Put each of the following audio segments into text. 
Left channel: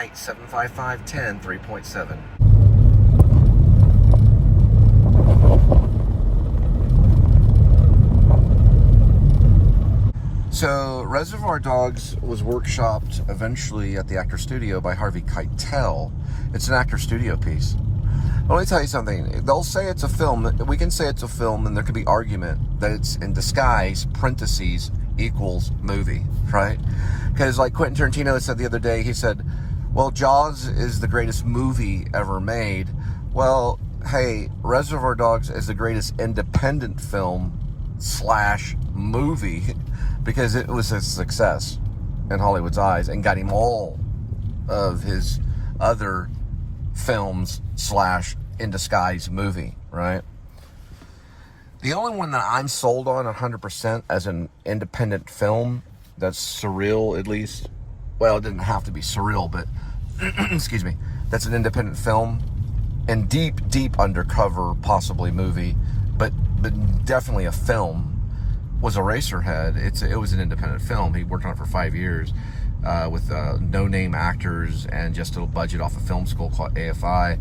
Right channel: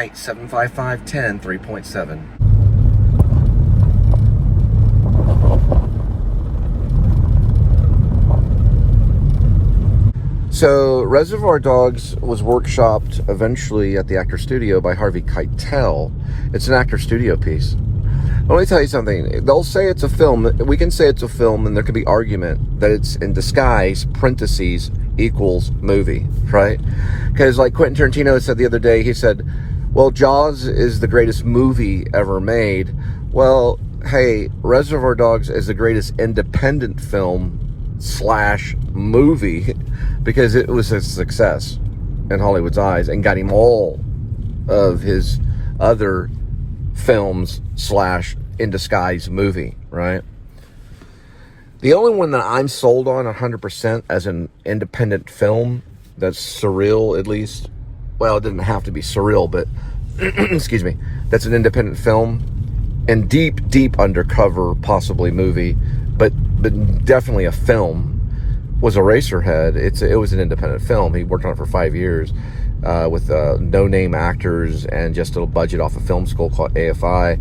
right, 75510, 3.7. So, Reservoir Dogs was workshopped eventually at the Actor Studio by Harvey Keitel. It's an Actor Studio piece. Let me tell you something. They'll say it's a film. We can say it's a film, and there could be argument that it's in disguise, parentheses, equals movie, right? Because like Quentin Tarantino said the other day, he said, well, Jaws is the greatest movie ever made. Well, hey, Reservoir Dogs is the greatest independent film / movie because it was a success in Hollywood's eyes and got him all of his other films / in disguise movie, right? The only one that I'm sold on 100% as an independent film that's surreal, at least, well, it didn't have to be surreal, but excuse me, that's an independent film and deep undercover, possibly movie, but definitely a film, was Eraserhead. It was an independent film. He worked on it for 5 years with no-name actors and just a budget off a film school called AFI.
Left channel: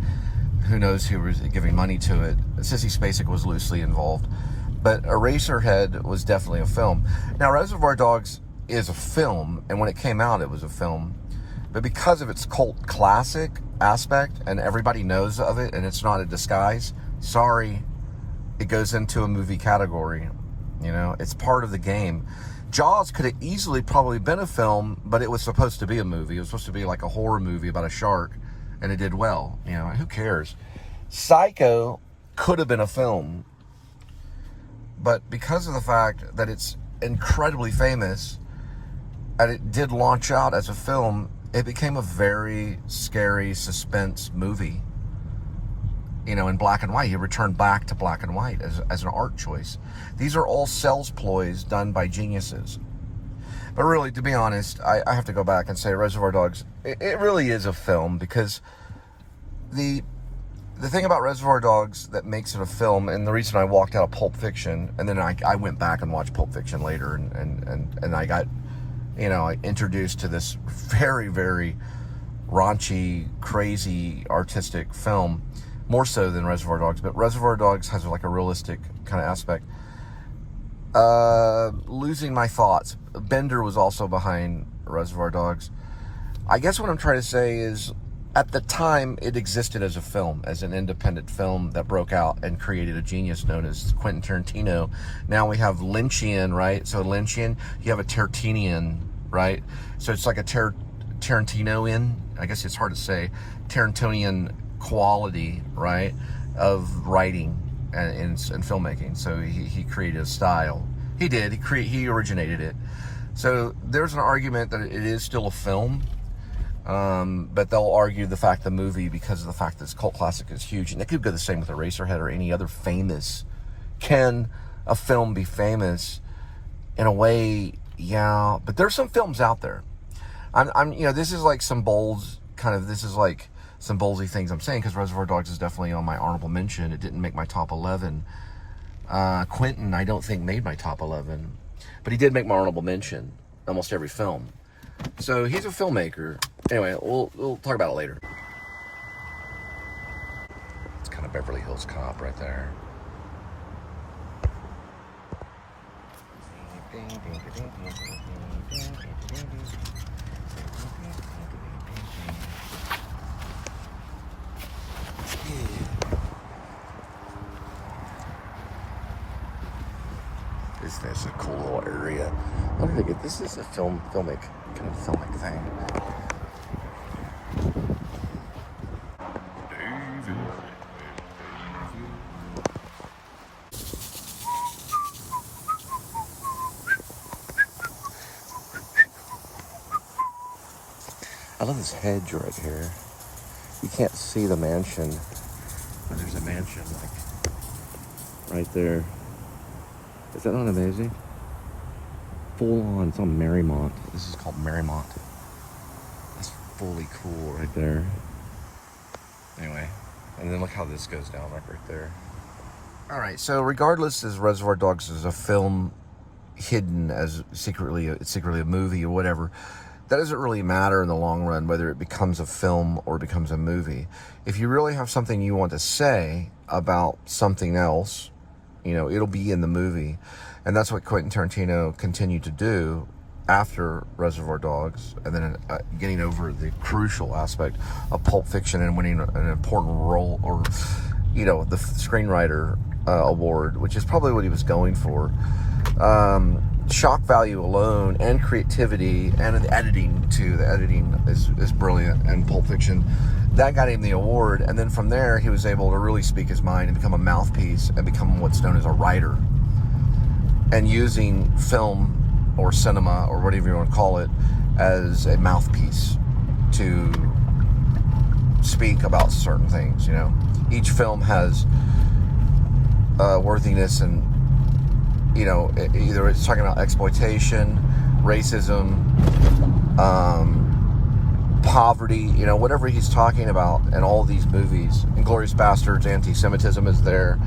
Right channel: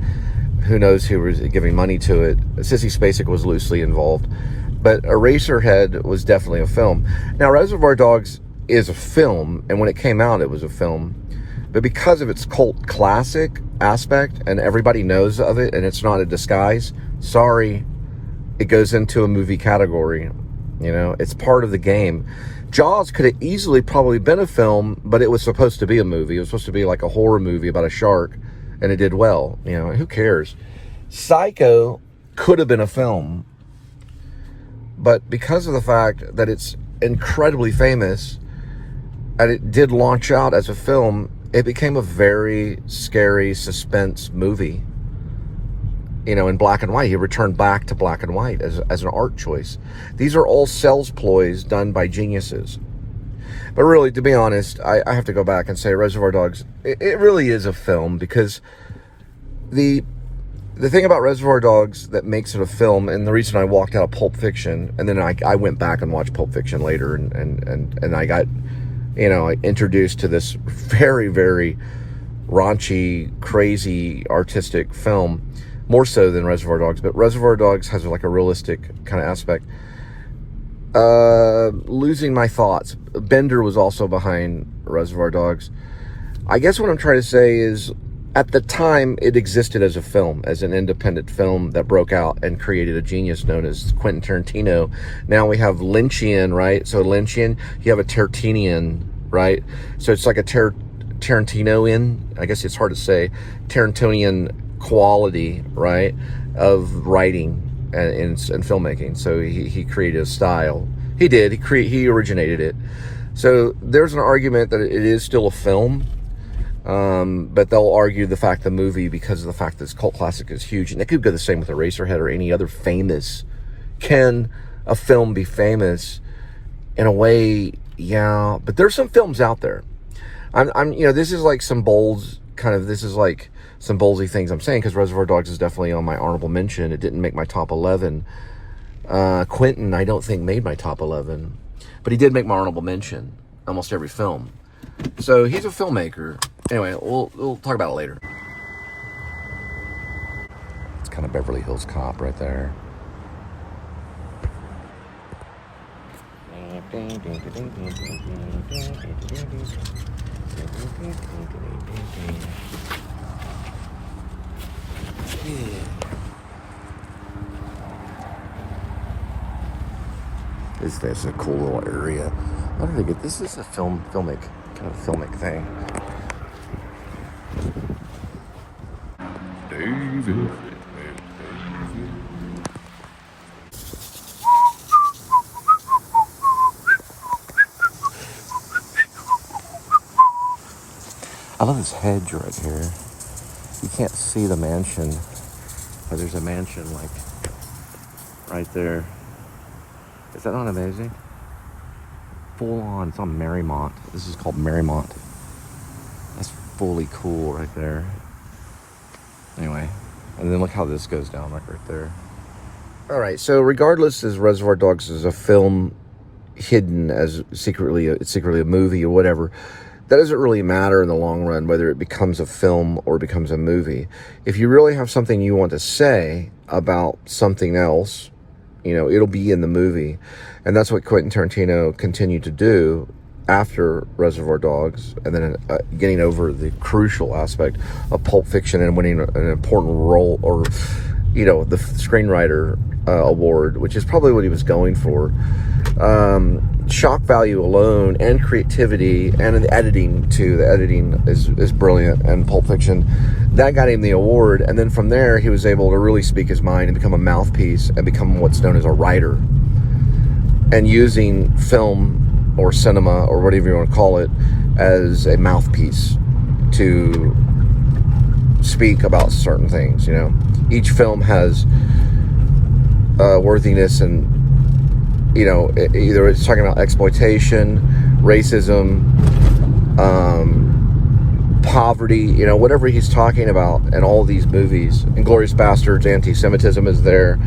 Who knows who was giving money to it. Sissy Spacek was loosely involved. But Eraserhead was definitely a film. Now, Reservoir Dogs is a film, and when it came out, it was a film. But because of its cult classic aspect, and everybody knows of it, and it's not a disguise, sorry, it goes into a movie category. You know, it's part of the game. Jaws could have easily probably been a film, but it was supposed to be a movie. It was supposed to be like a horror movie about a shark. And it did well. You know, who cares? Psycho could have been a film. But because of the fact that it's incredibly famous, and it did launch out as a film, it became a very scary suspense movie. You know, in black and white. He returned back to black and white as an art choice. These are all sales ploys done by geniuses. But really, to be honest, I have to go back and say Reservoir Dogs, it really is a film, because the thing about Reservoir Dogs that makes it a film, and the reason I walked out of Pulp Fiction, and then I went back and watched Pulp Fiction later, and I got, you know, introduced to this very, very raunchy, crazy, artistic film, more so than Reservoir Dogs, but Reservoir Dogs has like a realistic kind of aspect. Losing my thoughts. Bender was also behind Reservoir Dogs. I guess what I'm trying to say is, at the time, it existed as a film, as an independent film that broke out and created a genius known as Quentin Tarantino. Now we have Lynchian, right? So Lynchian, you have a Tarantinian, right? So it's like a Tarantinoian, I guess it's hard to say, Tarantinian quality, right, of writing and filmmaking. So he created a style. He originated it. So there's an argument that it is still a film, but they'll argue the fact the movie, because of the fact that this cult classic is huge, and it could go the same with Eraserhead or any other famous. Can a film be famous? In a way, yeah, but there's some films out there. I'm you know, this is like some bowls, this is like some ballsy things I'm saying, because Reservoir Dogs is definitely on my honorable mention. It didn't make my top 11. Quentin, I don't think, made my top 11, but he did make my honorable mention, almost every film. So he's a filmmaker. Anyway, we'll talk about it later. It's kind of Beverly Hills Cop right there. This is a cool little area. I don't think this is a filmic thing. David. I love this hedge right here. You can't see the mansion, but there's a mansion like right there. Is that not amazing? Full on, it's on Marymount. This is called Marymount. That's fully cool right there. Anyway, and then look how this goes down, like right there. All right, so regardless, as Reservoir Dogs is a film hidden as secretly a movie or whatever, that doesn't really matter in the long run, whether it becomes a film or becomes a movie. If you really have something you want to say about something else, you know, it'll be in the movie. And that's what Quentin Tarantino continued to do after Reservoir Dogs, and then getting over the crucial aspect of Pulp Fiction and winning an important role, or, you know, the screenwriter award, which is probably what he was going for. Shock value alone, and creativity, and the editing too. The editing is brilliant, and Pulp Fiction, that got him the award. And then from there, he was able to really speak his mind and become a mouthpiece and become what's known as a writer, and using film or cinema or whatever you want to call it as a mouthpiece to speak about certain things. You know, each film has worthiness, and, you know, either it's talking about exploitation, racism, poverty, you know, whatever he's talking about in all these movies. Inglourious Bastards, anti-Semitism is there.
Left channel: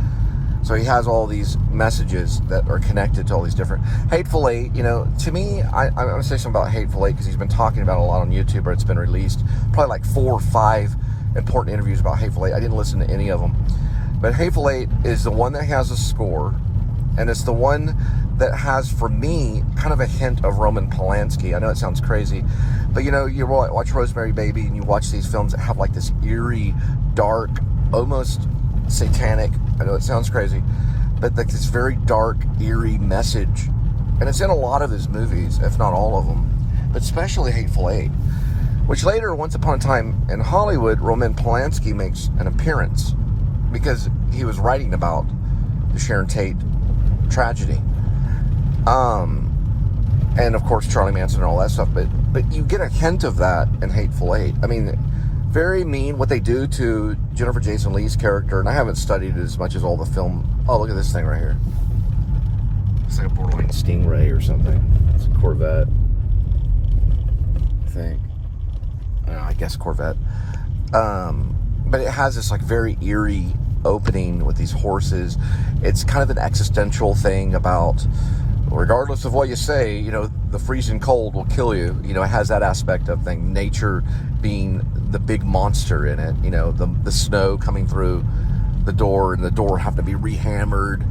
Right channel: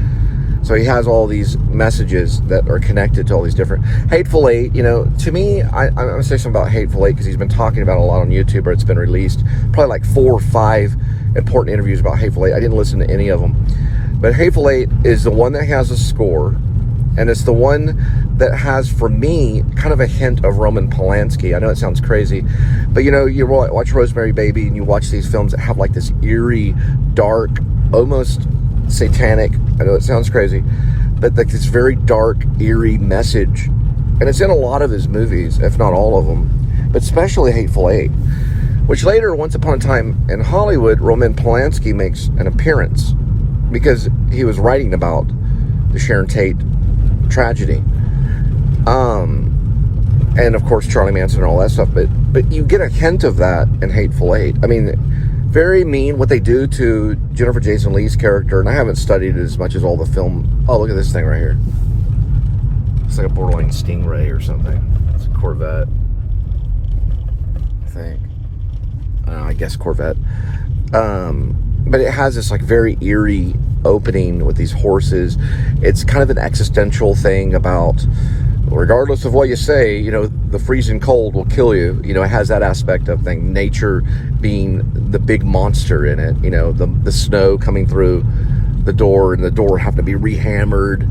So he has all these messages that are connected to all these different... Hateful Eight, you know, to me, I'm going to say something about Hateful Eight, because he's been talking about it a lot on YouTube, or it's been released. Probably like 4 or 5 important interviews about Hateful Eight. I didn't listen to any of them. But Hateful Eight is the one that has a score, and it's the one that has, for me, kind of a hint of Roman Polanski. I know it sounds crazy, but, you know, you watch Rosemary Baby, and you watch these films that have like this eerie, dark, almost satanic, I know it sounds crazy, but like this very dark, eerie message. And it's in a lot of his movies, if not all of them, but especially Hateful Eight, which later, once upon a time in Hollywood, Roman Polanski makes an appearance because he was writing about the Sharon Tate tragedy. And of course, Charlie Manson and all that stuff, but you get a hint of that in Hateful Eight. I mean, very mean what they do to Jennifer Jason Leigh's character, and I haven't studied it as much as all the film. Oh, look at this thing right here. It's like a borderline Stingray or something. It's a Corvette, I think. I guess Corvette. But it has this like very eerie opening with these horses. It's kind of an existential thing about, regardless of what you say, you know, the freezing cold will kill you. You know, it has that aspect of thing, nature being the big monster in it. You know, the snow coming through the door, and the door having to be rehammered.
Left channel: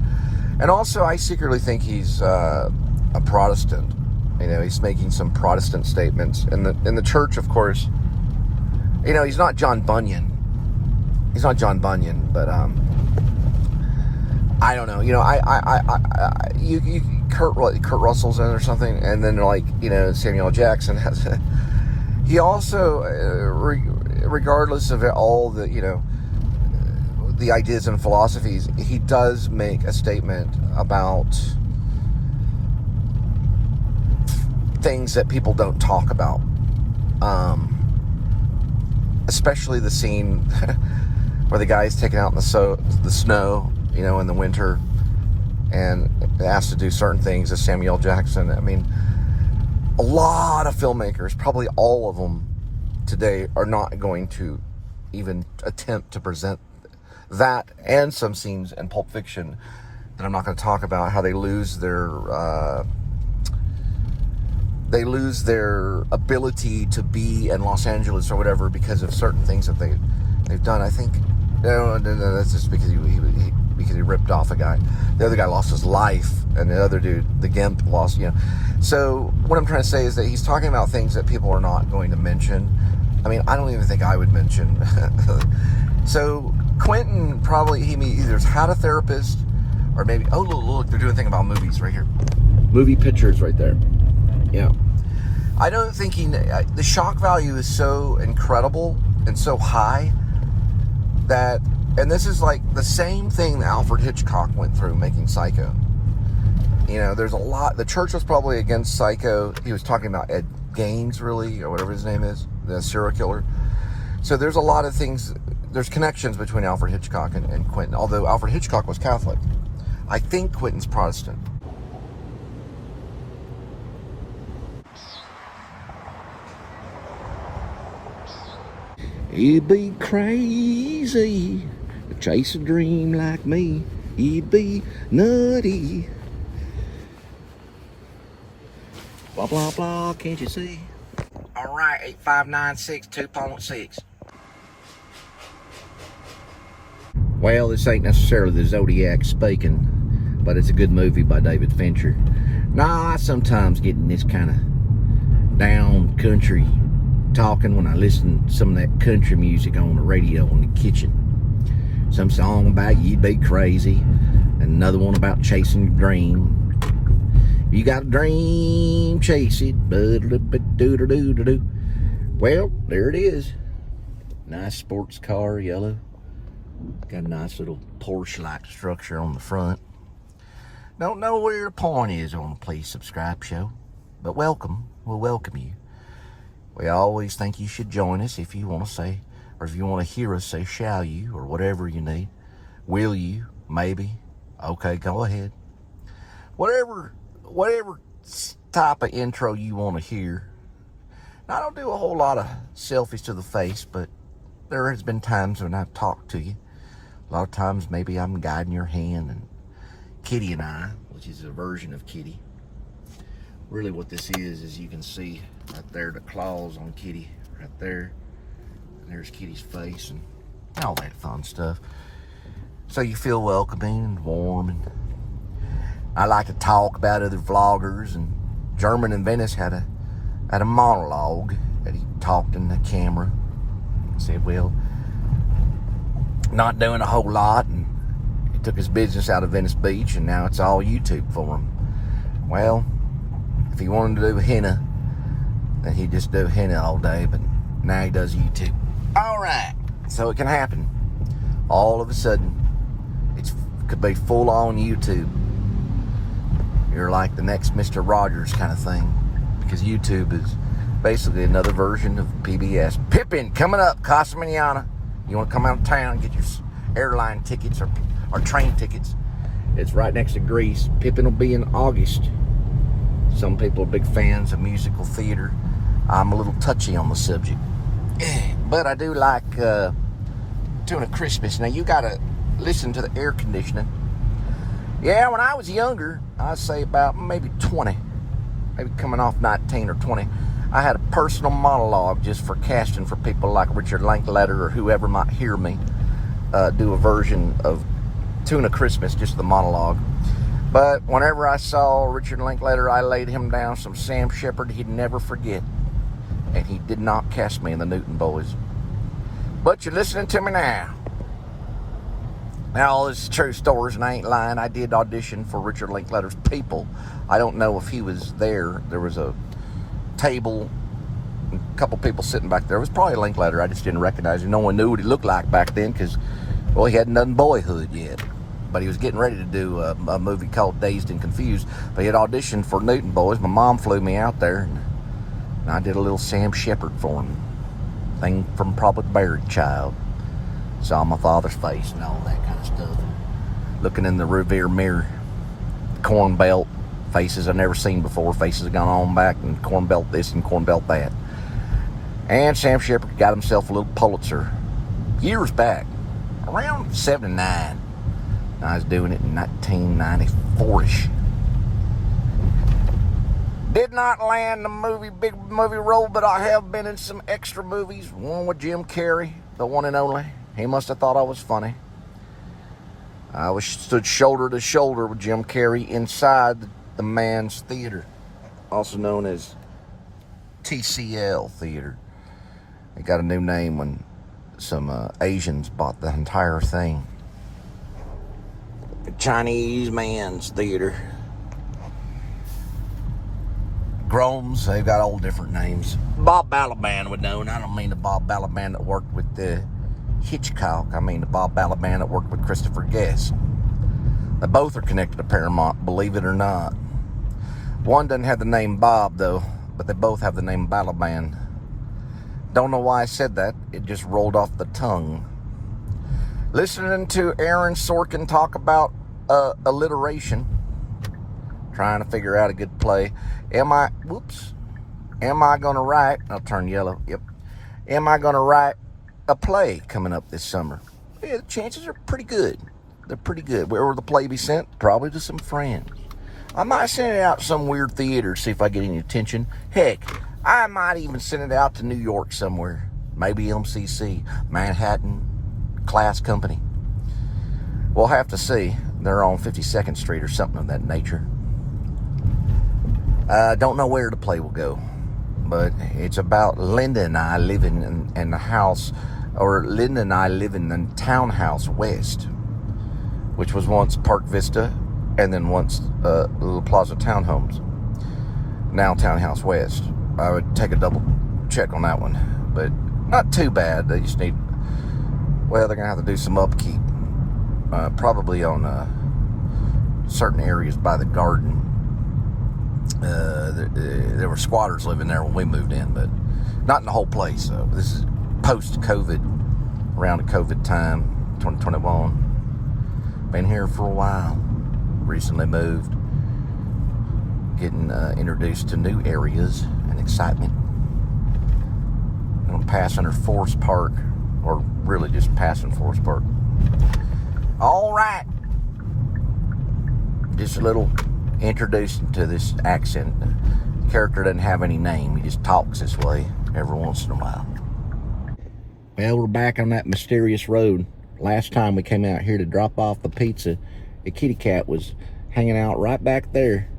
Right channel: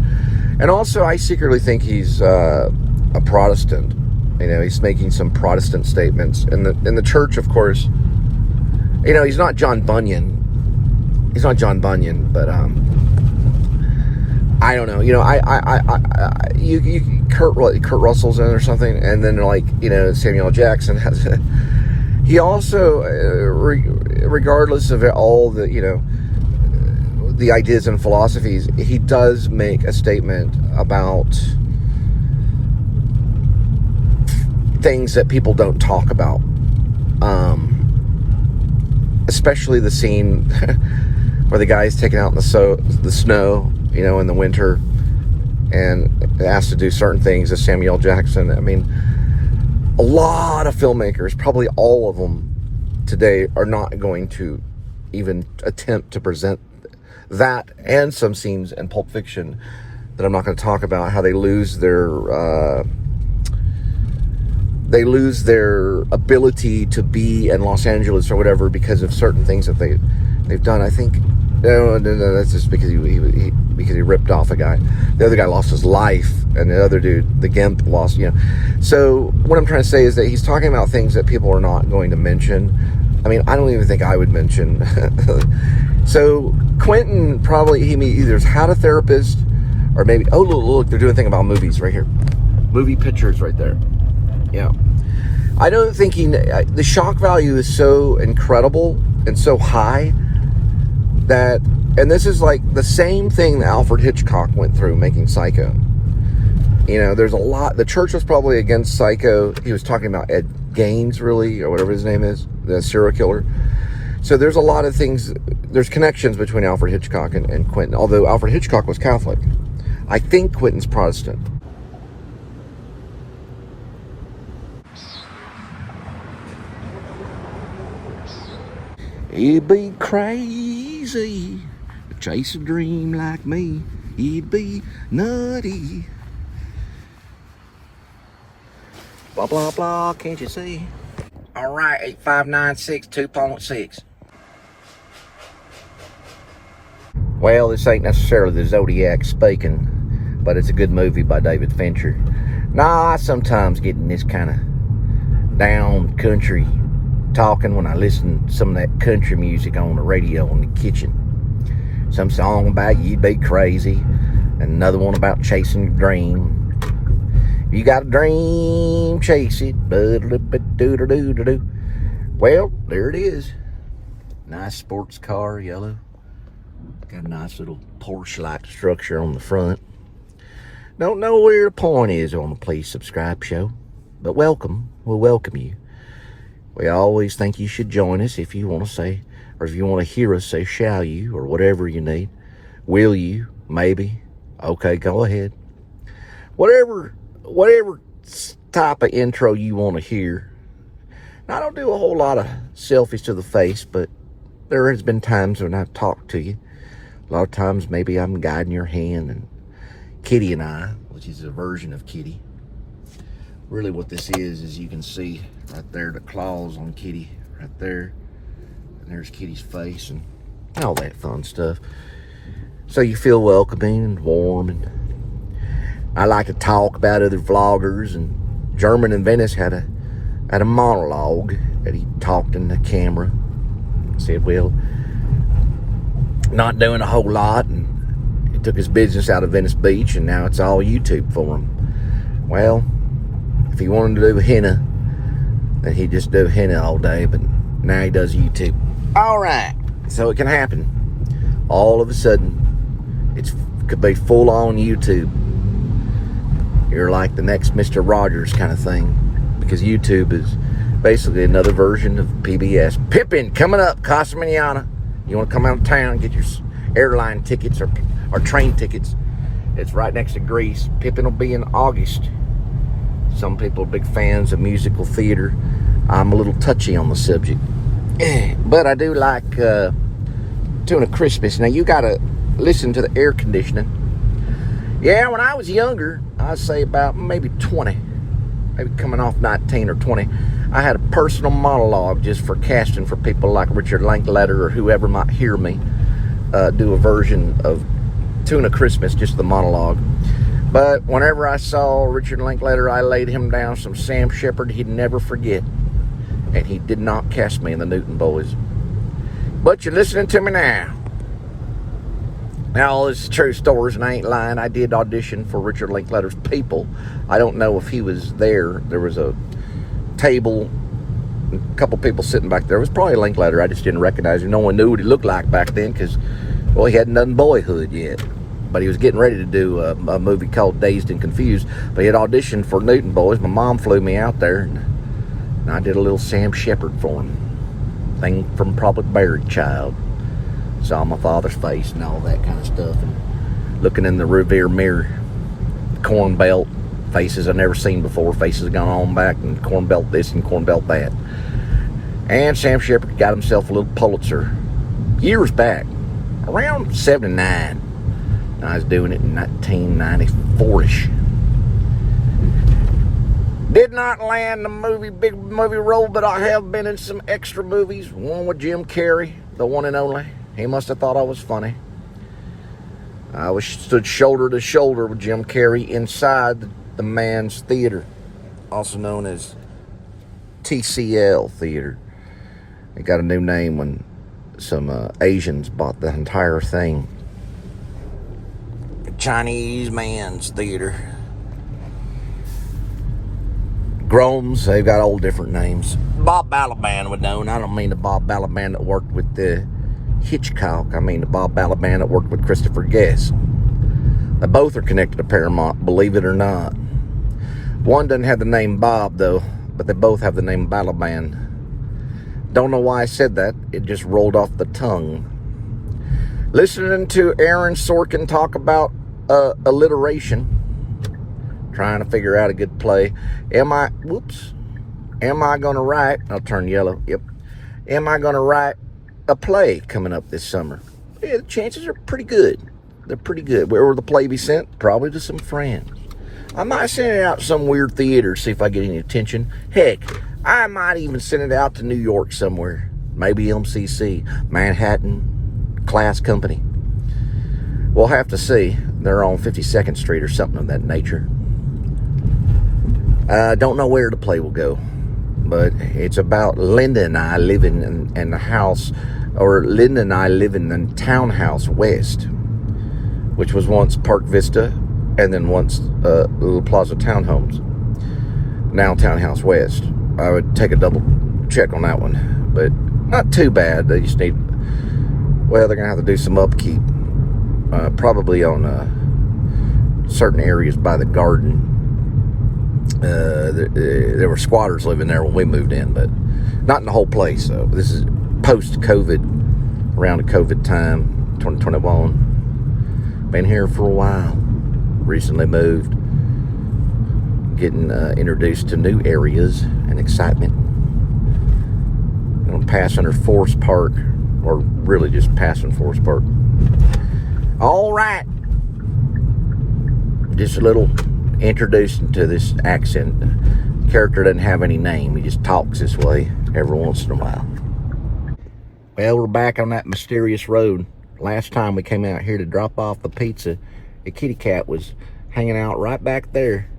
And also, I secretly think he's a Protestant. You know, he's making some Protestant statements in the church, of course. You know, he's not John Bunyan. He's not John Bunyan, but I don't know. You know, Kurt Russell's in or something, and then like, you know, Samuel L. Jackson has. He also, regardless of all the, you know, the ideas and philosophies, he does make a statement about things that people don't talk about. Especially the scene where the guy's taken out in the snow, you know, in the winter, and asked to do certain things as Samuel L. Jackson. I mean, a lot of filmmakers, probably all of them today, are not going to even attempt to present that, and some scenes in Pulp Fiction that I'm not going to talk about, how they lose their ability to be in Los Angeles or whatever because of certain things that they've done. I think no, that's just because he ripped off a guy. The other guy lost his life, and the other dude, the Gimp, lost, you know. So what I'm trying to say is that he's talking about things that people are not going to mention. I mean, I don't even think I would mention. So Quentin probably, he either had a therapist, or maybe, oh, look, they're doing a thing about movies right here. Movie pictures right there. Yeah. I don't think the shock value is so incredible and so high that, and this is like the same thing that Alfred Hitchcock went through making Psycho. You know, there's a lot, the church was probably against Psycho. He was talking about Ed Gaines, really, or whatever his name is, the serial killer. So there's a lot of things, there's connections between Alfred Hitchcock and Quentin, although Alfred Hitchcock was Catholic. I think Quentin's Protestant. You'd be crazy to chase a dream like me. You'd be nutty. Blah, blah, blah, can't you see? All right, 8596 2.6. Well, this ain't necessarily the Zodiac speaking, but it's a good movie by David Fincher. Now, I sometimes get in this kind of down country talking when I listen to some of that country music on the radio in the kitchen. Some song about you'd be crazy, and another one about chasing your dream. You got a dream, chase it. Well, there it is. Nice sports car, yellow. Got a nice little Porsche-like structure on the front. Don't know where the point is on the Please Subscribe show, but welcome. We'll welcome you. We always think you should join us if you want to say, or if you want to hear us say, shall you, or whatever you need. Will you? Maybe. Okay, go ahead. Whatever type of intro you want to hear. Now, I don't do a whole lot of selfies to the face, but there has been times when I've talked to you. A lot of times maybe I'm guiding your hand, and Kitty and I, which is a version of Kitty. Really what this is you can see right there the claws on Kitty right there. And there's Kitty's face and all that fun stuff. So you feel welcoming and warm. And I like to talk about other vloggers, and German in Venice had a monologue that he talked in the camera. Said, well, not doing a whole lot, and he took his business out of Venice Beach, and now it's all YouTube for him. Well, if he wanted to do henna, then he'd just do henna all day, but now he does YouTube. All right, so it can happen. All of a sudden, it could be full-on YouTube. You're like the next Mr. Rogers kind of thing, because YouTube is basically another version of PBS. Pippin coming up, Casa Manana. You want to come out of town and get your airline tickets or train tickets. It's right next to Greece. Pippin will be in August. Some people are big fans of musical theater. I'm a little touchy on the subject. But I do like Tuna Christmas. Now, you got to listen to the air conditioning. Yeah, when I was younger, I'd say about maybe 20. Maybe coming off 19 or 20. I had a personal monologue just for casting for people like Richard Linklater or whoever might hear me do a version of Tuna Christmas, just the monologue. But whenever I saw Richard Linklater, I laid him down some Sam Shepard he'd never forget. And he did not cast me in the Newton Boys. But you're listening to me now. Now, all this is true stories, and I ain't lying. I did audition for Richard Linklater's People. I don't know if he was there. There was a table, a couple people sitting back there. It was probably Linklater. I just didn't recognize him. No one knew what he looked like back then because, well, he hadn't done Boyhood yet. But he was getting ready to do a movie called Dazed and Confused. But he had auditioned for Newton Boys. My mom flew me out there, and I did a little Sam Shepard for him. Thing from Public Buried Child. Saw my father's face and all that kind of stuff. And looking in the rearview mirror, corn belt, faces I've never seen before. Faces gone on back, and corn belt this and corn belt that. And Sam Shepard got himself a little Pulitzer years back, around 79. I was doing it in 1994-ish. Did not land the big movie role, but I have been in some extra movies. One with Jim Carrey, the one and only. He must have thought I was funny. I stood shoulder to shoulder with Jim Carrey inside the Man's Theater, also known as TCL Theater. It got a new name when some Asians bought the entire thing. Chinese Man's Theater. Groms, they've got all different names. Bob Balaban would know, and I don't mean the Bob Balaban that worked with the Hitchcock. I mean the Bob Balaban that worked with Christopher Guest. They both are connected to Paramount, believe it or not. One doesn't have the name Bob, though, but they both have the name Balaban. Don't know why I said that. It just rolled off the tongue. Listening to Aaron Sorkin talk about alliteration. Trying to figure out a good play. Am I going to write, I'll turn yellow, yep. Am I going to write a play coming up this summer? Yeah, the chances are pretty good. They're pretty good. Where will the play be sent? Probably to some friends. I might send it out to some weird theater, see if I get any attention. Heck, I might even send it out to New York somewhere. Maybe MCC, Manhattan Class Company. We'll have to see. They're on 52nd Street or something of that nature. I don't know where the play will go, but it's about Linda and I living in the house, or Linda and I living in Townhouse West, which was once Park Vista and then once Little Plaza Townhomes. Now Townhouse West. I would take a double check on that one, but not too bad. They just need, well, they're gonna have to do some upkeep, probably on certain areas by the garden. There were squatters living there when we moved in, but not in the whole place. So this is post-COVID, around the COVID time, 2021. Been here for a while. Recently moved. Getting introduced to new areas and excitement. I'm passing under Forest Park, or really just passing Forest Park. All right. Just a little introducing to this accent. The character doesn't have any name. He just talks this way every once in a while. Well, we're back on that mysterious road. Last time we came out here to drop off the pizza, a kitty cat was hanging out right back there.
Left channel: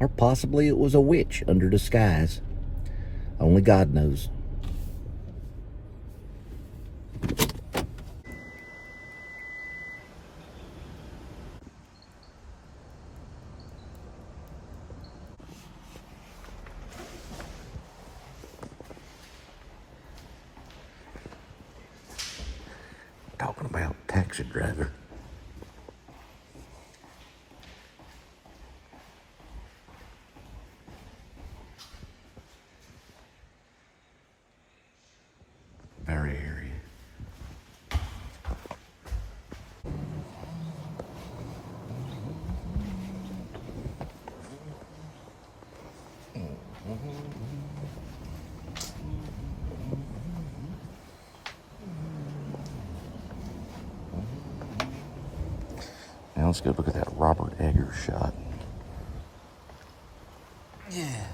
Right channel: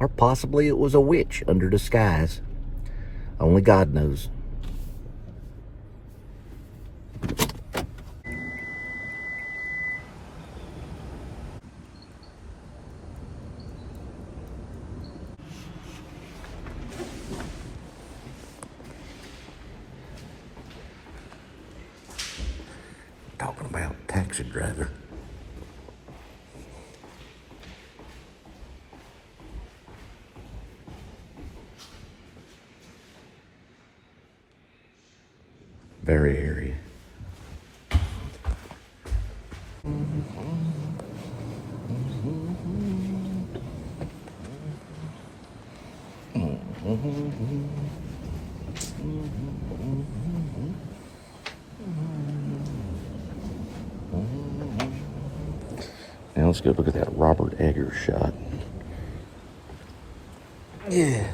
Or possibly it was a witch under disguise. Only God knows. Talking about taxi driver. Very eerie. Now let's go look at that Robert Eggers shot. Yeah.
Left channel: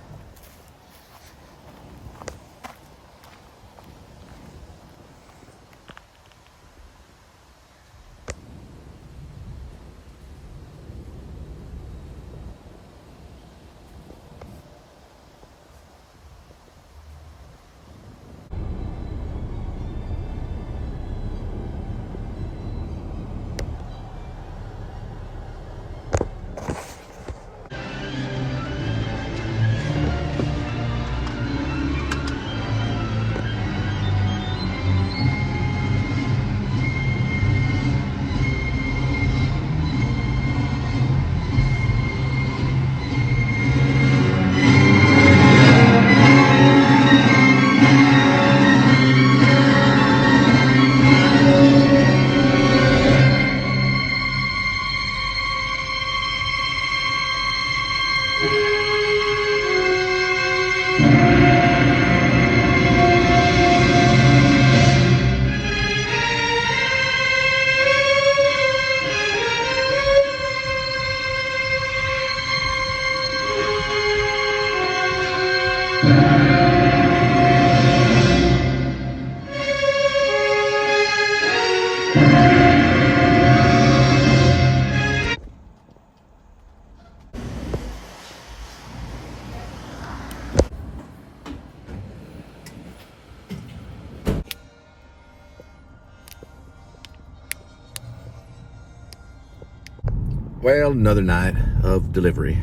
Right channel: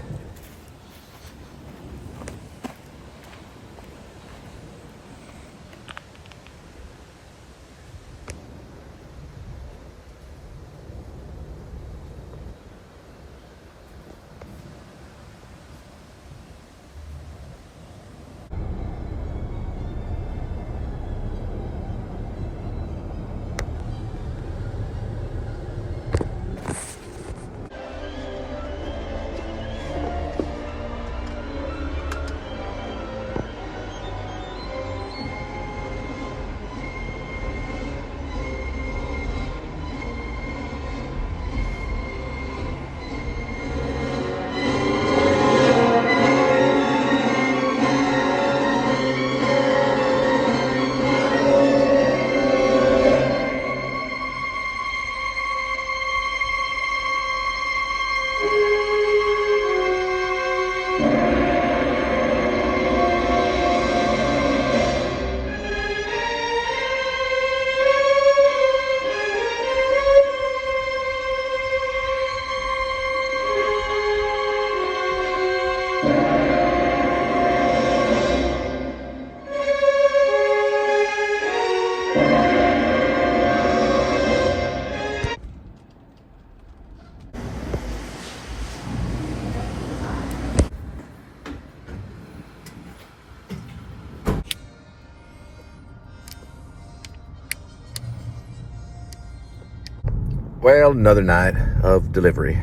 Well, another night of delivery.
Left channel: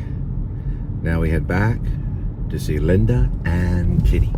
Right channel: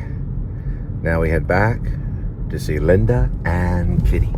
Now we head back to see Linda and Kitty.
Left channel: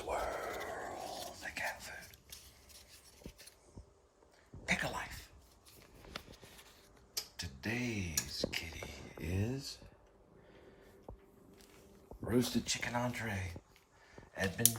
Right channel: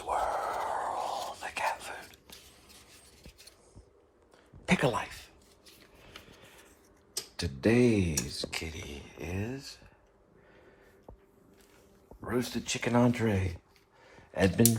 swirl the cat food. Pick a life. Today's kitty is roasted chicken entree. Edmund.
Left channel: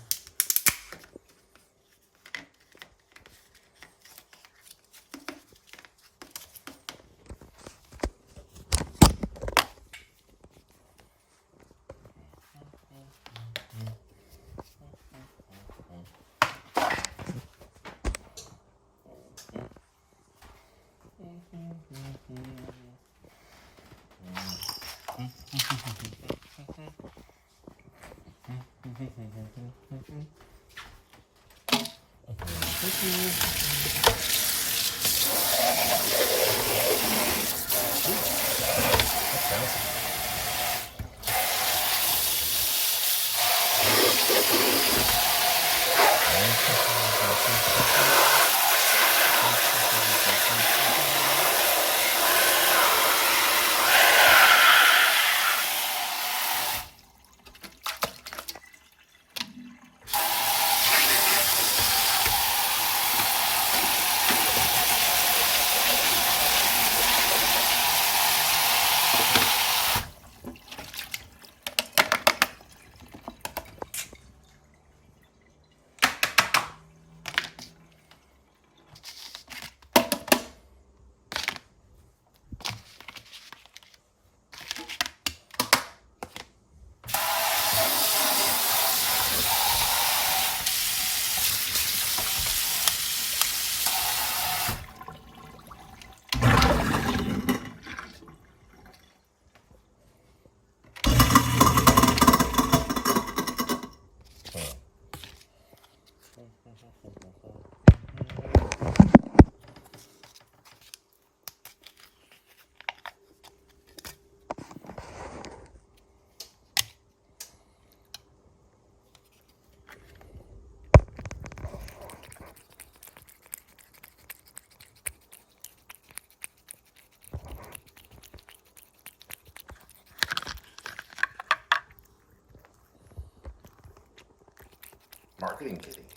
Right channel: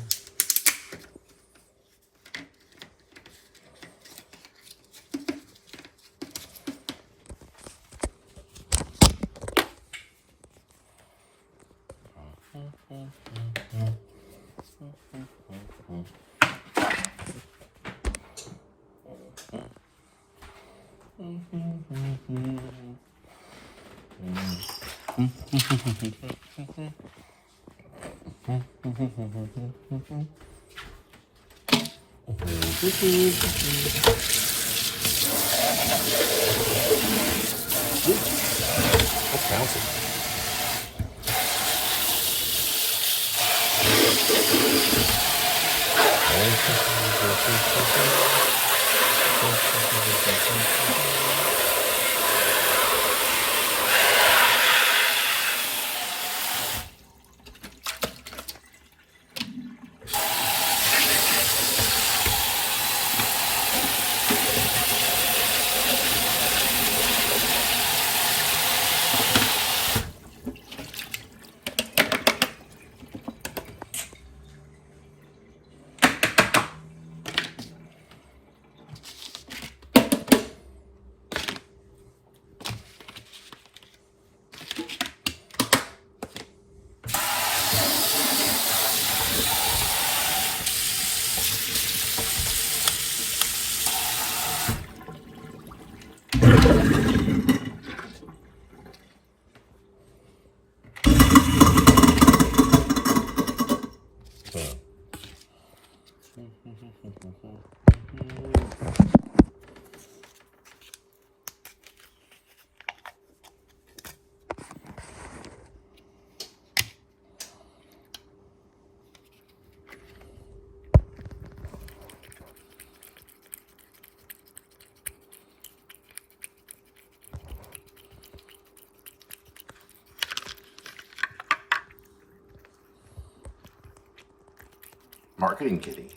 Marketing kitty.